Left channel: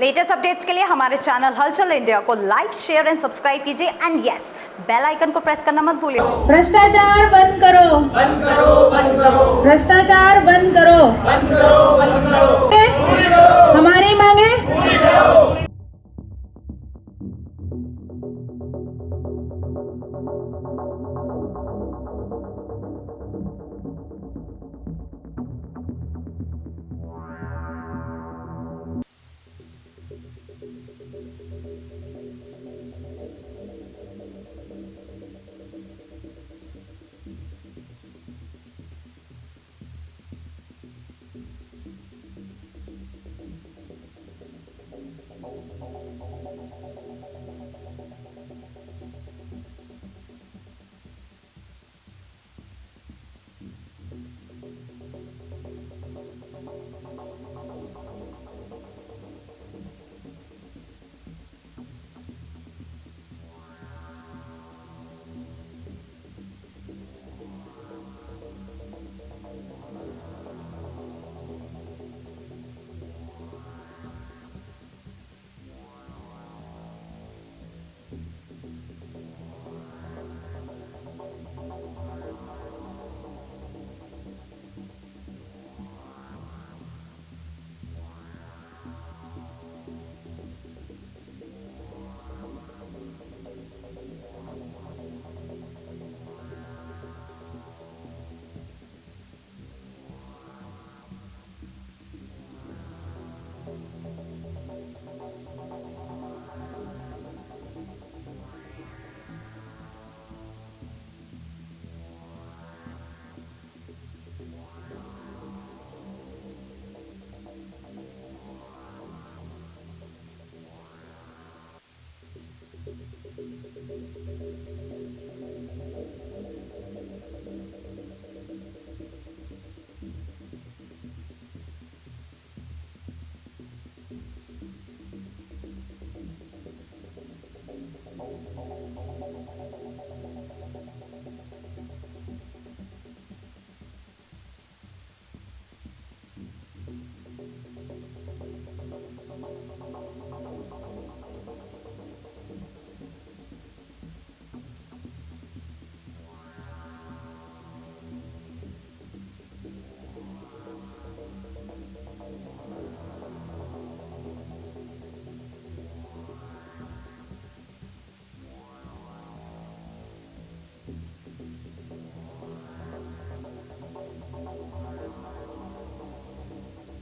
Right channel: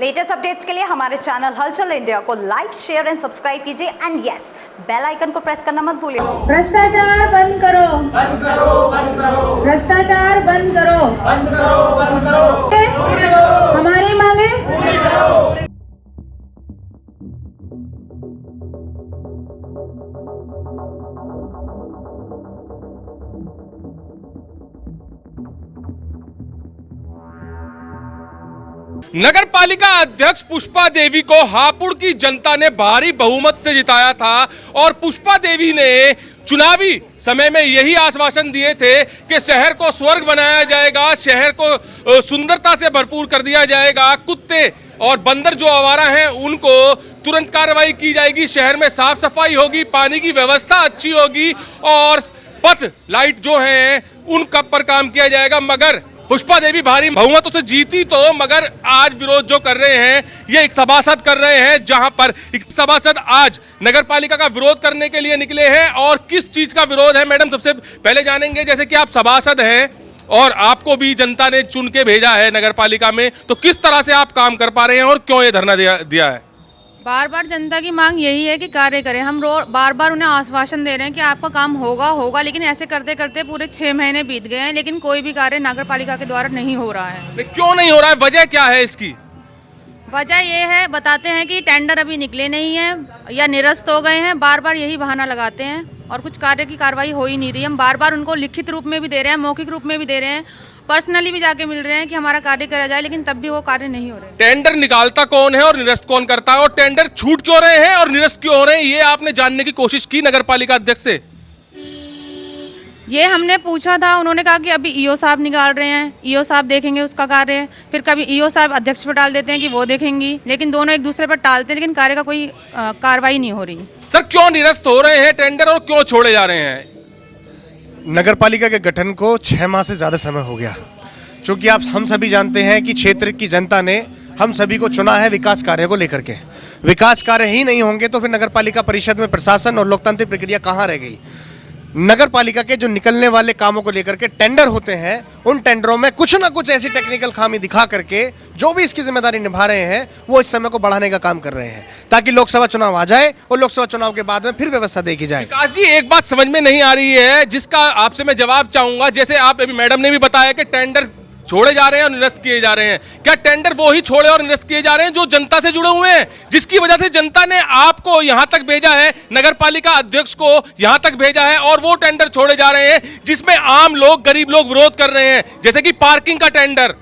Latest updates के लिए हमारे चैनल हलचल इंडिया को लाइक, शेयर एंड सब्सक्राइब कीजिए एंड यस, बेल आइकन को प्रेस करना मत भूलिए। भ्रष्टाचार बंद करो, बंद करो, बंद करो, भ्रष्टाचार बंद करो, बंद करो, बंद करो, हमारी मांगे पूरी करो। नगर पालिका अध्यक्ष पुष्पा देवी को हापुड़ की जनता ने भारी बहुमत से जिताया था और पुष्पा देवी ने चुनावी समय में यही आश्वासन दिए थे कि शहर को स्वर्ग बनाया जाएगा, शहर को सुंदरता से भरपूर कर दिया जाएगा, कुत्ते और बंदर जो आवारा हैं उनको तुरंत कार्रवाई की जाएगी, शहर में साफ सफाई होगी, पानी की व्यवस्था अच्छी होगी और पथ लाइट जो हैं उन कब पर काम किया जाएगा। मगर पुष्पा देवी भारी बहुमतों से जीती तो मगर आज विरोध जो कर रहे हैं ये एक सभासद कर रहे हैं, जहां पर एक सभासद आज नगर पालिका का विरोध करने के लिए निकले हैं। और किस चीज का विरोध है मैडम, सबसे पहले जानेंगे। जैसे कि आप सभासद हैं और आपको भी जनता ने चुन के भेजा है नगर पालिका में, तो किस तरह से आप काम कर पा रहे हैं और क्यों ये धरना दिया है? बार बार जनता की मांग यही है कि कार्य करें। हम बार बार उन्हें आश्वासन दे रहे हैं कि आपका काम होगा, लेकिन ऐसे करते करते पूरे 6 महीने बीत गए हैं, लेकिन कोई भी कार्य नगर पालिका के द्वारा नहीं हो रहा है। क्यों नहीं हो रहा है, वजह क्या है इसकी? वजह ये है, बताते हैं कि टेंडर अभी निकले नहीं है या निरस्त हो गए हैं, बार बार यही बहाना लगाते हैं और कुछ कार्य की कार्रवाई हो ही नहीं रही। हम बार बार उनको लिखित रूप में भी दे रहे हैं, मौखिक रूप में भी दे रहे हैं, पर्सनली भी जाके मिल रहे हैं कि हमारा कार्य करा जाए, लेकिन तब भी वो कार्य नहीं हो रहे। टेंडर निकालता कौन है और निरस्त कौन करता है, और टेंडर छूट क्यों रहे हैं और निरस्त क्यों हो रहे हैं, ये आपने जानने की कोशिश की नगर पालिका अध्यक्ष से? ये हमने पूछा था, उन्होंने कहा कि अभी ईओ साहब निकाल रहे हैं, ईओ साहब देखेंगे उसका कार्य। फिर कभी ईओ साहब अध्यक्ष पर टाल देते हैं कि वो देखेंगी, लेकिन दोनों एक दूसरे पर टालते हैं, लेकिन कार्य का कोई कार्रवाई नहीं हो रही। सर क्यों निरस्त हो रहे हैं टेंडर और क्यों छोड़े जा रहे हैं? नगर पालिका के गठन को 6 माह से ज़्यादा समय हो गया। चूँकि हम सभी जानते हैं कि क्षेत्र की जनता ने हम सभी को चुना है विकास कार्य को लेकर के। विकास कार्य ही नहीं होंगे तो फिर नगर पालिका परिषद में प्रशासन और लोकतांत्रिक प्रक्रिया कहाँ रह गई। नगर पालिका के जो निकलने वाले कामों को लेकर के टेंडर होते हैं, उन टेंडरों में कुछ ना कुछ ऐसी टेक्निकल खामी दिखा करके जो भी इसकी जिम्मेदारी निभा रहे हैं वो इस समय को बढ़ाने का काम कर रहे हैं, ताकि लोकसभा चुनाव आ जाए और लोकसभा चुनाव के बाद में फिर व्यवस्था देखी जाए। विकास जी, एक बात समझ में नहीं आ रही है जिसका आपसे मैं जवाब चाहूंगा। जैसे आप अभी मैडम ने भी बताया कि टेंडर छोड़े जा रहे हैं और निरस्त किए जा रहे हैं, क्या टेंडर वो ही छोड़े और निरस्त किए जा रहे हैं जो जनता से जुड़े हुए हैं, जिसकी वजह से जनता ने आपको यहां तक भेजा है, नगर पालिका अध्यक्ष को यहां तक भेजा है, और वो टेंडर छोड़े जा रहे हैं जिसमें आम लोग, गरीब लोग विरोध कर रहे हैं? जैसे कि पार्किंग का टेंडर,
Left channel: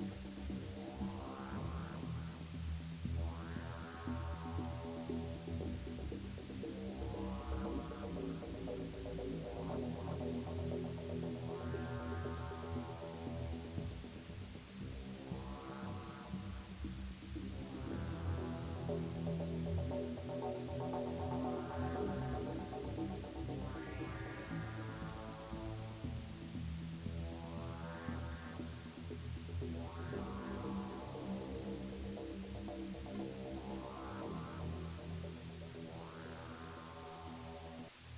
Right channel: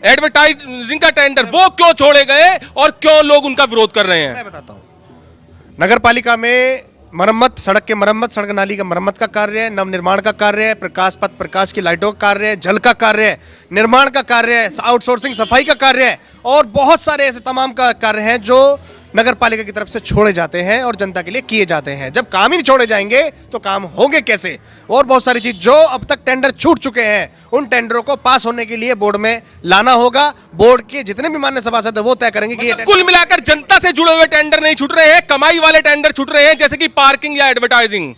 एडवर्टाइजिंग का टेंडर, वो क्यों छोड़े गए और क्यों लोग उनका विरोध कर रहे हैं? मैं बताता हूं। नगर पालिका में मरम्मत, सड़क के मरम्मत, सड़क नाली का मरम्मत का कार्य है, नव निर्माण का कार्य है, प्रकाश पथ प्रकाश की लाइटों का कार्य है, जल का कार्य है, निर्माण का कार्य है, आउटसोर्सिंग सफाई का कार्य है, और बहुत सारे ऐसे तमाम का कार्य हैं जो नगर पालिका की तरफ से छोड़े जाते हैं और जनता के लिए किए जाते हैं। जब काम ही नहीं छोड़े जाएंगे तो काम होंगे कैसे? और बहुत सारी चीज जो अब तक टेंडर छूट चुके हैं, उन टेंडरों को पास होने के लिए बोर्ड में लाना होगा। बोर्ड के जितने भी मान्य सभासद है वो तय करेंगे कि कुल मिलाकर जनता से जुड़े हुए टेंडर नहीं छूट रहे हैं, कमाई वाले टेंडर छूट रहे हैं, जैसे कि पार्किंग या एडवर्टाइजिंग।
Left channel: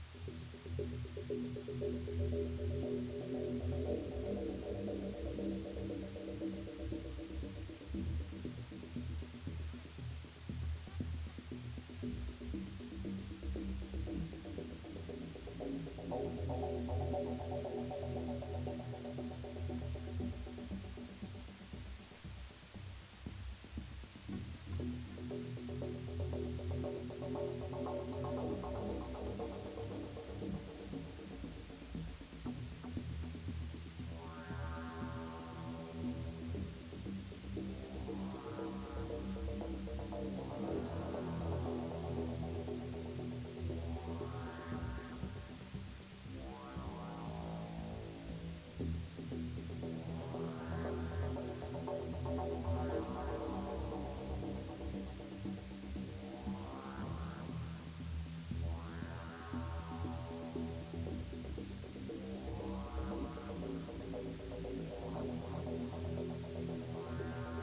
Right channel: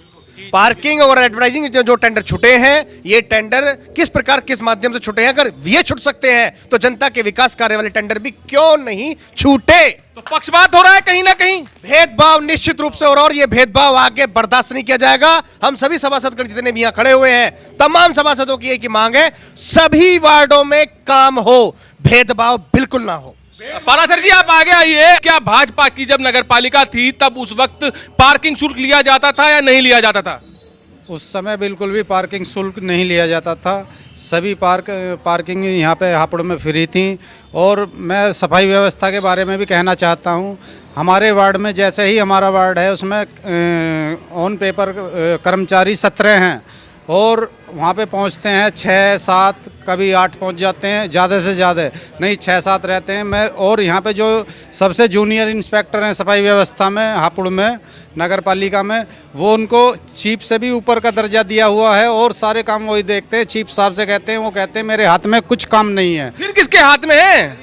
पार्किंग और एडवर्टाइजिंग जो टेंडर छूटे हैं, ये टेंडर किस प्रकार, किस माध्यम से छूटे हैं? अगर ये छूट सकते हैं तो जनता के विकास कार्य वाले टेंडर भी क्यों नहीं छूटे? तो पक्षपात हो रहा है कहीं ना कहीं, भेदभाव निश्चित रूप से, और ये भेदभाव आगे बर्दाश्त नहीं किया जाएगा। हम सभी सभासद जितने भी यहाँ खड़े हुए हैं, तमाम सभासदों की एक ही मांग है, सभी वार्डों में काम हो, भेदभाव बिल्कुल ना हो। पारासर जी, आप आगे आइए। क्या भाजपा की जब नगर पालिका थी तब उस वक्त पार्किंग शुल्क लिया जाता था या नहीं लिया जाता था? उस समय बिल्कुल भी पार्किंग शुल्क नहीं लिया जाता था। सभी पार्किंग यहाँ पे हापुड़ में फ्री थी। और मैं सफाई व्यवस्था के बारे में भी कहना चाहता हूँ। हमारे वार्ड में, जैसे ही हमारा वार्ड है, उसमें ऑन पेपर कर्मचारी 17 हैं और वहाँ पे पहुँचते हैं 6-7, कभी 8 पहुँच जाते हैं, ज़्यादा से ज़्यादा नहीं 6-7 रहते हैं। मैं और यहाँ पे जो सबसे जूनियर इंस्पेक्टर हैं सफाई व्यवस्था में हापुड़ में नगर पालिका में, वो उनको चीफ से भी ऊपर का दर्जा दिया हुआ है और सारे काम वही देखते हैं। चीफ साहब से कहते हैं, वो कहते हैं मेरे हाथ में कुछ काम नहीं है। फिर किसके हाथ में है?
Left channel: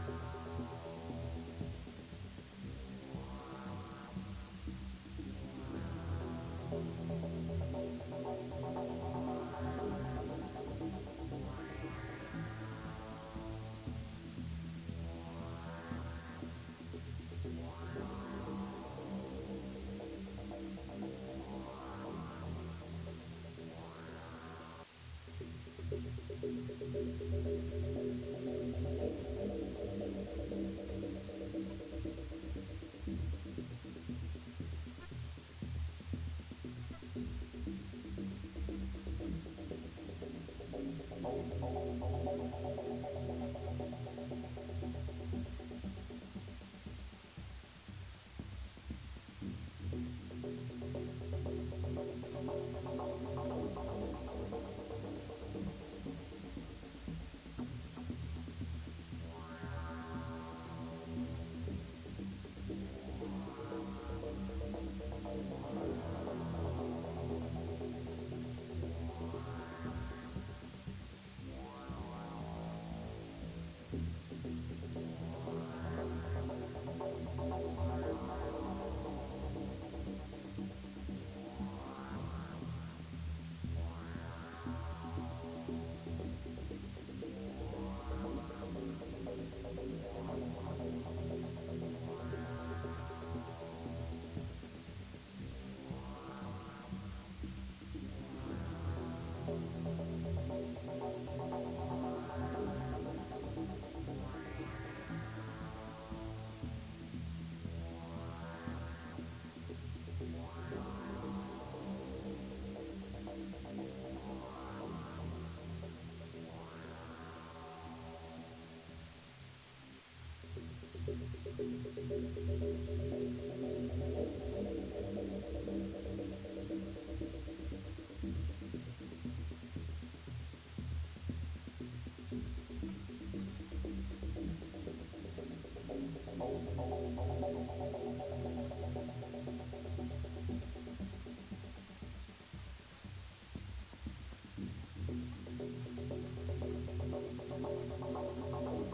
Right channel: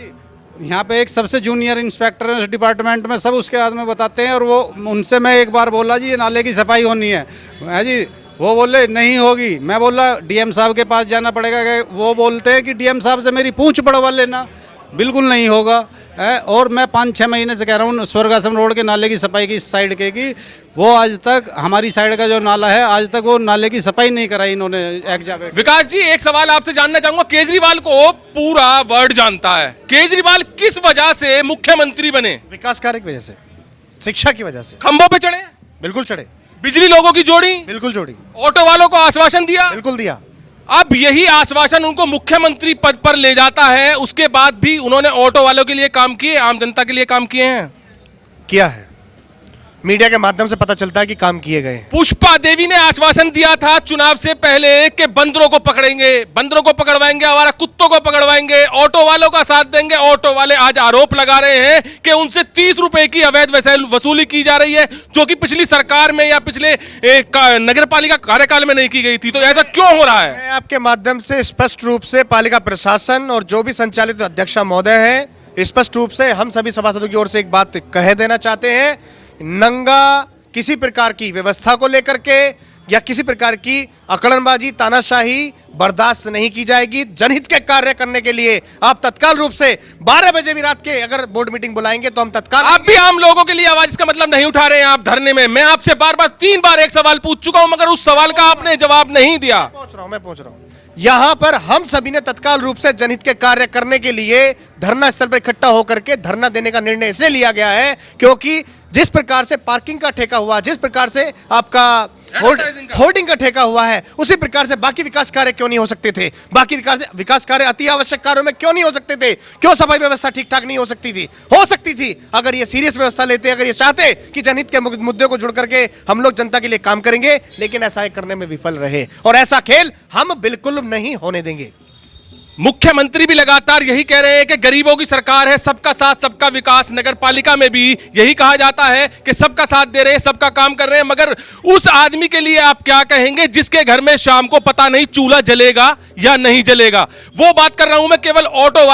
यहाँ पे एक सबसे जूनियर इंस्पेक्टर है उस डिपार्टमेंट में, सब उसके हाथ में बताते हैं। और वो उनसे मैं एक बार बोला जी ये नाले की सफाई होनी है जी, वो बोले नहीं होगी। मैं बोला डीएम साहब के पास जाना पड़ेगा। वो बोलते हैं कि डीएम साहब से मेरी पूंछ बढ़वा लेना। बिल्कुल नहीं होगा। और मैं 5-6 महीने से कह रहा हूँ स्वर्ग आश्रम रोड के नाले की सफाई की इस साइड के की वो आज तक हमारी साइड का जो नाला है आज तक वो नाले की सफाई नहीं कराई इन्होंने एग्जाम। विकास जी, एक सवाल आपसे जानना चाहूंगा। केजरीवाल को पूरा वर्ल्ड जानता है, केजरीवाल किस वजह से मुख्यमंत्री बने? विकास कार्य की वजह से, शिक्षा की वजह से। खंभों पे चढ़े, बिल्कुल चढ़े, बिजली लोगों की जोड़ी, बिल्कुल जोड़ी, ऑटो वालों को आश्वासन दिया, बिल्कुल दिया। अब यही आश्वासन उनको मुख्यमंत्री पद पर ले जाता है, उसके बाद भी उन्होंने ऑटो वालों के लिए काम किए, आम जनता के लिए काम किए हैं? किया है, मीडिया के माध्यम से पता चलता है कि काम किए गए हैं। पुष्पा देवी ने आश्वासन दिया था चुनाव से पहले कि बंदरों को पकड़ेंगे, बंदरों को पकड़वाएंगे, हमारा कुत्तों को पकड़वाएंगे, ऑटो वालों का साथ देंगे। ऑटो वाले आज आरोप लगा रहे हैं कि उनसे 30 रुपए की अवैध वसूली की जा रही है, जो कि पिछली सरकार में या पिछले नगर पालिका कार्यकाल में नहीं की गई थी। तो ऐसा क्यों हो रहा है? मैं आपके माध्यम से स्पष्ट रूप से पालिका प्रशासन और जो भी संचालित अध्यक्षा महोदय हैं, स्पष्ट रूप से हम सभी सभासदों की ओर से एक बात कह देना चाहते हैं, नंगा किसी प्रकार की व्यवस्था को लेकर के या किसी प्रकार की अकड़नबाजी, तानाशाही बर्दाश्त नहीं की जाएगी। जनहित के कार्य करने के लिए आप तत्काल रूप से 12 बजे भी रात के अगर बोर्ड मीटिंग बुलाएंगे तो हम तत्काल। आप भी आम लोगों के लिए आवाज, इसका मतलब नहीं उठा रहे हैं आप धरने में। मैं आपसे बार बार 3 बार एक सवाल पूछ चुका हूं, मगर उस सवाल का आपने जवाब नहीं दिया। मैं पहुंच रहा हूं। यहां पर हम सभी ने तत्काल रूप से जनहित के कार्य करने के लिए धरना स्थल पर इकट्ठा होकर के धरना देने का निर्णय इसलिए लिया गया है क्योंकि जिस प्रकार से पार्किंग का ठेका हुआ, जिस प्रकार से आपका होर्डिंग का ठेका हुआ है, उसी प्रकार से बाकी विकास कार्य क्यों नहीं हो सकते थे? बाकी विकास कार्य अति आवश्यक कार्यों में क्यों नहीं हो सकते थे? क्यों सफाई व्यवस्था ठीक ठाक नहीं हो सकती थी? हो सकती थी अगर ये सीरियस व्यवस्था लेते, अगर ये चाहते कि जनहित के मुद्दे को जुड़ करके हम लोग जनता के लिए काम करेंगे, लेकिन ऐसा करने में विफल रहे और ऐसा खेल हम बिल्कुल नहीं होने देंगे। मुख्यमंत्री भी लगातार यही कह रहे हैं कि गरीबों की सरकार है, सबका साथ सबका विकास। नगर पालिका में भी यही कहा जाता है कि सबका साथ दे रहे हैं, सबका काम कर रहे हैं, मगर उस आदमी के लिए आप क्या कहेंगे जिसके घर में शाम को पता नहीं चूल्हा जलेगा या नहीं जलेगा? वो बात कर रहा हूं मैं केवल ऑटो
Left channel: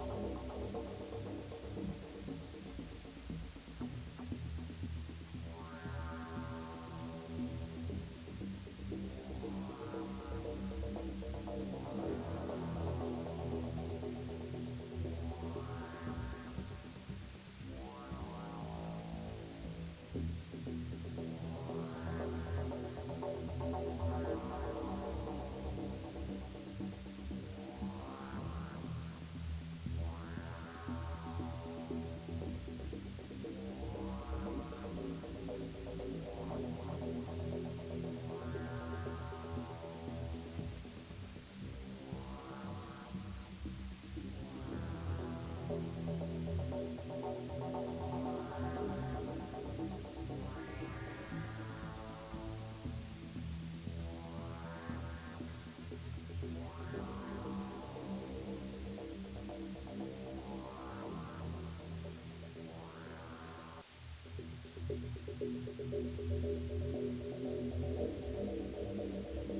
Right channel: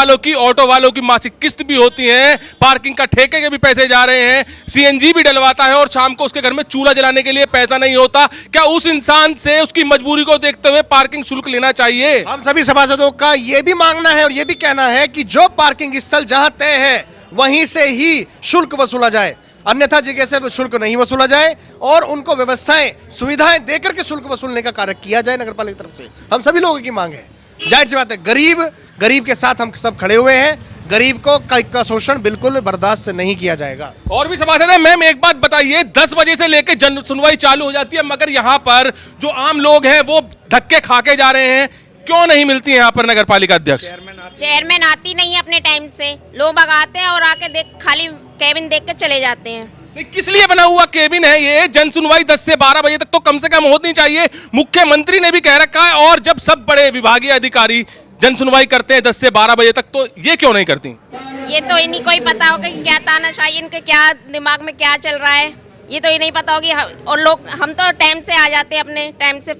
वालों की मासिक किस्त भी होती है, पार्किंग का ठेके के भी पैसे जा रहे हैं, सीएनजी भी डलवाता है और शाम को उसके घर में चूल्हा जलाने के लिए पैसा नहीं होता। क्या उस इंसान से उसकी मजबूरी को देखते हुए पार्किंग शुल्क लेना चाहिए? हम सभी सभासदों का ये भी मांगना है और ये भी कहना है कि जो पार्किंग स्थल जहां तय है वहीं से ही शुल्क वसूला जाए, अन्यथा जगह से शुल्क नहीं वसूला जाए और उनको व्यवस्थाएं, सुविधाएं देकर के शुल्क वसूलने का कार्य किया जाए नगर पालिका की तरफ से। हम सभी लोगों की मांग है, जाहिर सी बात है, गरीब के साथ हम सब खड़े हुए हैं, गरीब को का शोषण बिल्कुल बर्दाश्त नहीं किया जाएगा। और भी सभासद है, मैम एक बात बताइए, 10 बजे से लेकर जन सुनवाई चालू हो जाती है, मगर यहाँ पर जो आम लोग हैं वो धक्के खा के जा रहे हैं, क्यों नहीं मिलती है यहाँ पर नगर पालिका अध्यक्ष? चेयरमैन आती नहीं है अपने टाइम से, लोग भगाते हैं और आके खाली केबिन देख के चले जाते हैं। नहीं, किस लिए बना हुआ केबिन है ये? जन सुनवाई 10 से 12 बजे तक तो कम से कम होनी चाहिए। मुख्यमंत्री ने भी कह रखा है और जब सब बड़े विभागीय अधिकारी जन सुनवाई करते हैं 10 से 12 बजे तक, तो ये क्यों नहीं करती? ये तो इन्हीं को ही पता होगा कि क्या तानाशाही, इनके क्या दिमाग में क्या चल रहा है, ये तो नहीं पता होगी। और लोग, हम तो टाइम से आ जाते हैं, अपने टाइम से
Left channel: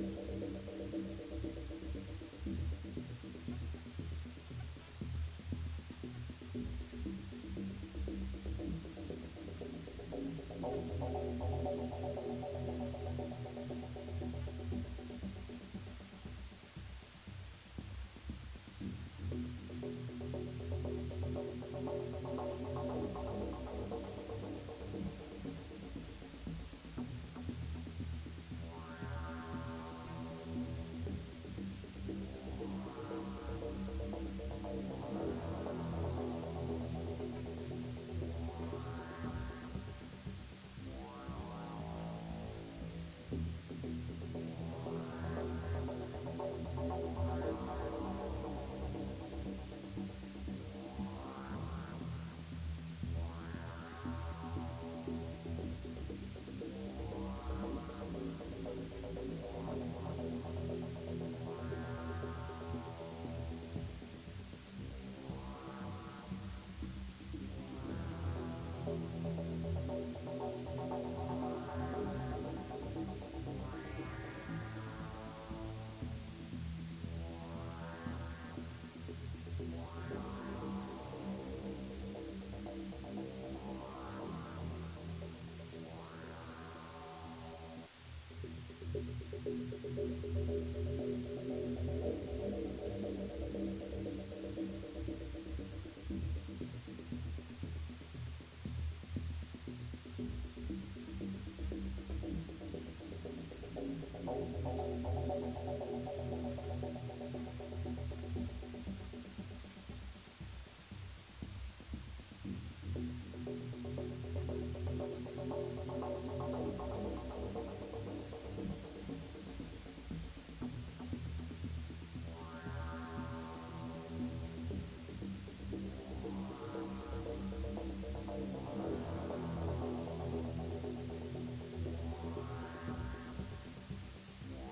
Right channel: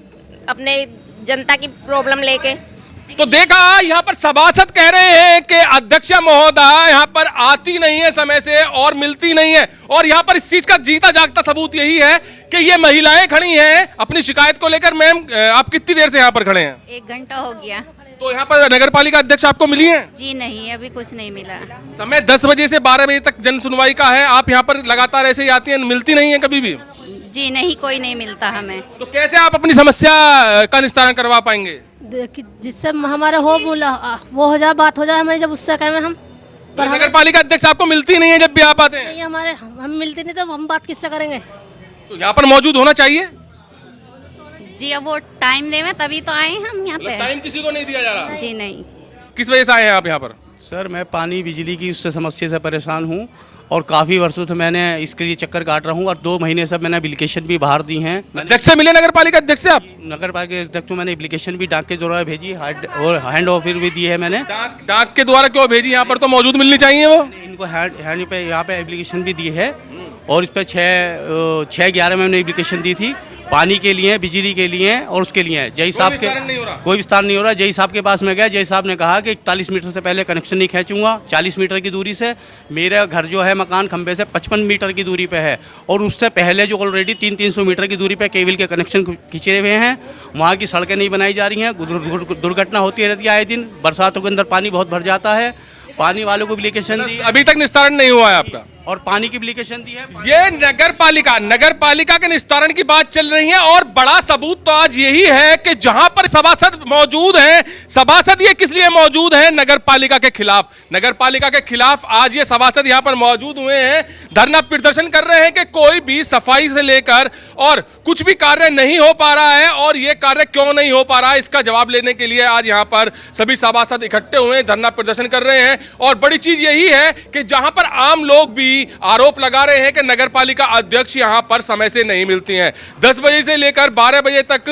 अपने जनता की प्रॉब्लम लेके। तो देखा, यहाँ पर सभासद कह रहे हैं कि अध्यक्ष महोदय यहाँ पर आती नहीं है समय से और मिलती नहीं है, और यहाँ पर इस चीज का जीता जागता सबूत यही है कि ये महिलाएं खड़ी हैं अपनी शिकायत को लेकर। मैम आप कितनी देर से यहाँ पर खड़े हैं? 1 घंटा हो गया। तो यहाँ पर नगर पालिका अध्यक्ष आपको मिली है? जी नहीं, अभी कुछ नहीं मिला। समय 10 बजे से 12 बजे तक जन सुनवाई का है, आप यहाँ पर लगातार ऐसे ही आती हैं, मिलती नहीं है कभी भी? जी नहीं, कोई नहीं मिलता हमें। तो कैसे आप अपनी समस्या का निस्तारण करवा पाएंगे? जिससे हमारा वो हो जाए, बात हो जाए हमें, जब उससे कहें हम। पर नगर पालिका अध्यक्ष आपको मिलती नहीं है जब भी आप आते हैं? नहीं, हम मिलते नहीं तो हम बात किससे करेंगे? तो यहाँ पर मौजूद होना चाहिए जी। अब वो टाइम देवे तभी तो आए हैं हम यहाँ पे। टाइम किसी को नहीं दिया जा रहा? जी नहीं। किस वजह से आए हैं आप यहाँ पर? सर मैं पानी बिजली की उससे समस्या से परेशान हूँ और काफ़ी वर्षों से मैंने इसके लिए चक्कर काट रहा हूँ और 2 महीने से मैंने एप्लीकेशन भी बाहर दी हैं। अध्यक्ष से मिले नगर पालिका अध्यक्ष से आप? नगर पालिका अध्यक्ष को मैंने एप्लीकेशन भी डाक के द्वारा भेजी और हैंड ऑफर भी दी है मैंने। डाक के द्वारा क्यों भेजी? यहाँ पर तो मौजूद मिलनी चाहिए वो। इनको हैंड पे यहाँ पे एप्लीकेशन भी दी है और इस पर 6/11 में मैंने एप्लीकेशन दी थी, पानी के लिए, बिजली के लिए और उसके लिए। जय साहब के कोई विस्तार नहीं हो रहा। जय साहब के पास में गया, जय साहब ने कहा कि 41 मीटर से पहले कनेक्शन नहीं खींचूंगा। 40 मीटर की दूरी से मेरा घर जो है मकान खंबे से 55 मीटर की दूरी पे है और उससे पहले जो ऑलरेडी 300 मीटर की दूरी पे केबल के कनेक्शन खींचे हुए हैं, वहाँ की सड़कें नहीं बनाई जा रही हैं। दुर्घटना होती रहती है आए दिन, बरसातों के अंदर पानी बहुत भर जाता है पानी वालों को एप्लीकेशन दी, अभी तक निस्तारण नहीं हुआ है आपका, और पानी की एप्लीकेशन दी है। ये नगर पालिका के निस्तारण की बात चल रही है। और बड़ा सबूत तो आज यही है कि जहां पर सभासद मौजूद हैं, सभासद ये किस लिए मौजूद हैं? नगर पालिका के खिलाफ। नगर पालिका के खिलाफ आज ये सभासद यहां पर मौजूद हुए हैं, धरना प्रदर्शन कर रहे हैं कि कोई भी सफाई से लेकर और कुछ भी कार्य नहीं हो पा रहा है। और ये कार्य क्यों नहीं हो पा रहा है, इसका जवाब लेने के लिए आज यहां पर सभी सभासद इकट्ठे हुए हैं, धरना प्रदर्शन कर रहे हैं। और बड़ी चीज यही है कि जहां पर आम लोग भी आरोप लगा रहे हैं कि नगरपालिका अध्यक्ष यहां पर समय से नहीं मिलती हैं। 10 बजे से लेकर 12 बजे तक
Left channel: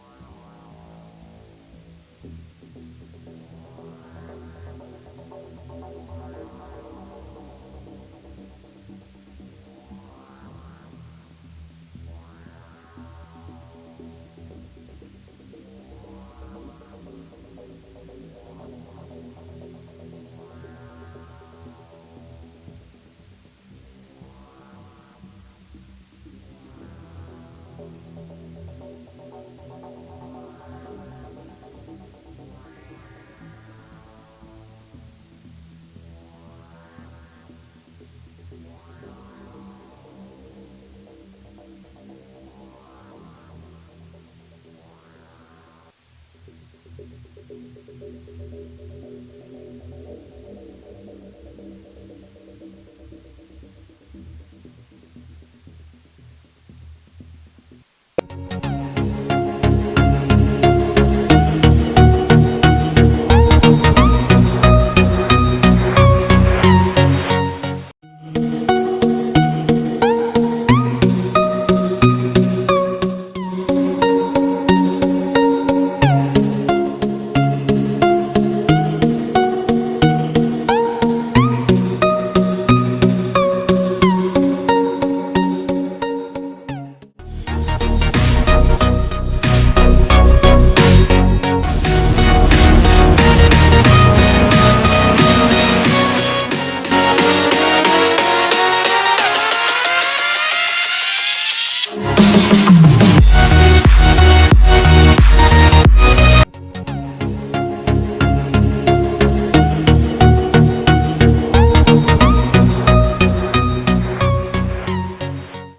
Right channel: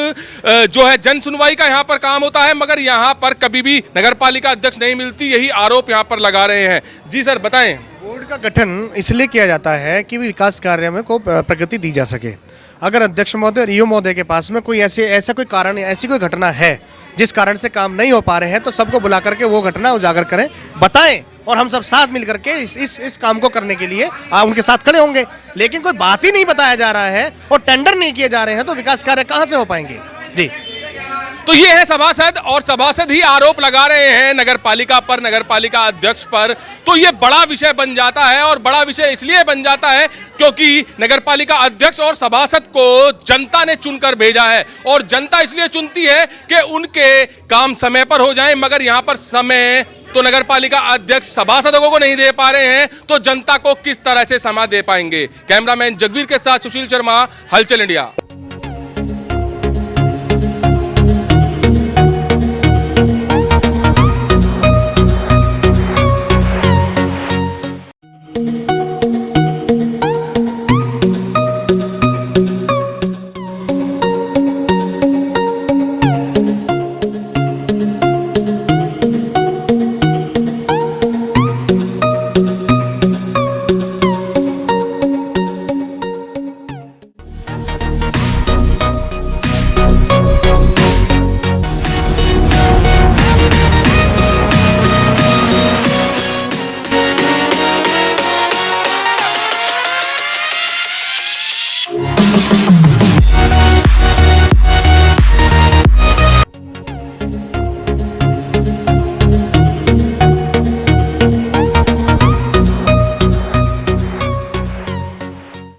जो है जन सुनवाई का यहां पर काम होता है, मगर यहां पर कभी भी नगरपालिका अध्यक्ष नहीं मिलती, यही आरोप यहां पर लगा रहे हैं। जी सर, बताएं। बोर्ड का गठन इसलिए किया जाता है कि विकास कार्य में को प्रगति दी जा सके। अगर अध्यक्ष महोदय और ईओ महोदय के पास में कोई ऐसा कोई कारण, ऐसी कोई घटना है जिस कारण से काम नहीं हो पा रहे हैं, तो सबको बुला करके वो घटना उजागर करें, बताएं, और हम सब साथ मिल करके इस काम को करने के लिए उनके साथ खड़े होंगे। लेकिन कोई बात ही नहीं बताया जा रहा है और टेंडर नहीं किए जा रहे हैं, तो विकास कार्य कहां से हो पाएंगे? जी, तो ये है सभासद, और सभासद ही आरोप लगा रहे हैं नगरपालिका पर, नगरपालिका अध्यक्ष पर। तो ये बड़ा विषय बन जाता है, और बड़ा विषय इसलिए बन जाता है क्योंकि नगरपालिका अध्यक्ष और सभासद को जनता ने चुनकर भेजा है, और जनता इसलिए चुनती है कि उनके काम समय पर हो जाएं, मगर यहां पर समय तो नगरपालिका अध्यक्ष सभासदों को नहीं दे पा रहे हैं, तो जनता को किस तरह से समय दे पाएंगे? कैमरामैन जगवीर के साथ सुशील शर्मा, हलचल इंडिया।